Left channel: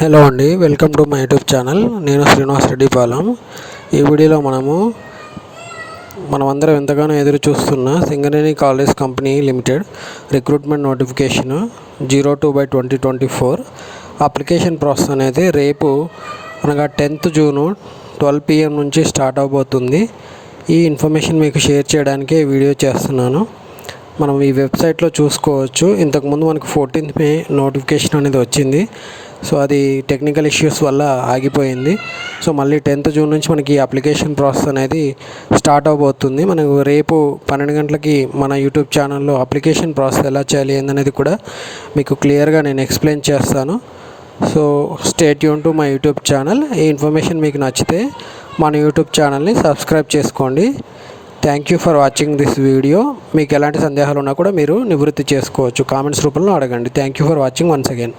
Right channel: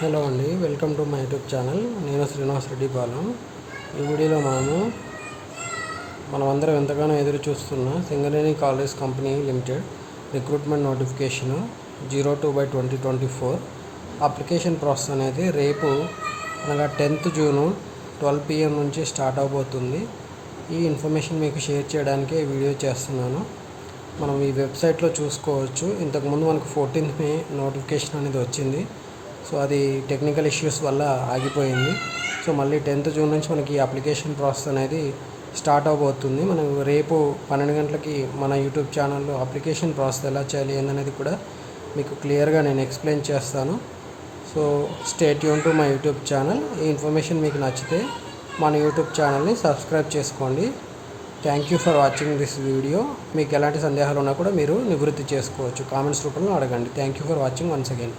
Hello అండి, welcome to my YouTube channel. నేను శ్రీనివాస్ రెడ్డి పాలెం. ఈ వీడియోలో మనమందరం ఎంతగానో ఎదురు చూస్తున్న Singareni college company limited recruitment notification 02/2024 application process అనేది రేపు అనగా 10th జూన్ 12 PM నుంచి స్టార్ట్ అవబోతుంది. ఈ ఇన్ఫర్మేషన్ మీకు షేర్ చేయడానికే వీడియో చేస్తున్నాను. మనం ఈ వెబ్సైట్లో చూసుకోవచ్చు. ఇంతకుముందు మనకు 14th May నోటిఫికేషన్ అనేది వచ్చింది. సో అది టెక్నికల్ ఇష్యూస్ వల్ల ఆగిపోయింది. సో మళ్ళీ 10th జూన్ నుంచి మనకి ఈ అప్లికేషన్ ప్రాసెస్ అనేది స్టార్ట్ అవబోతుంది. మనకు రేపు 12 గంటలకి మన యూట్యూబ్ ఛానల్లో అప్లికేషన్ ప్రాసెస్ ఎలా చేయాలి ఏందనేది కూడా మీకు క్లియర్గా నేను ఎక్స్ప్లెయిన్ చేస్తాను. So stay tune to my YouTube channel. ఈ ఇన్ఫర్మేషన్ మీకు నచ్చితే మన యూట్యూబ్ ఛానల్ని సబ్స్క్రైబ్ చేసుకోండి. Thank you for watching this video. మీకు ఎలాంటి సందేహాలు ఉన్నా కూడా మీరు నివృత్తి చేసుకోవచ్చు, కామెంట్స్ రూపంలో అడగండి. Thank you for watching once again.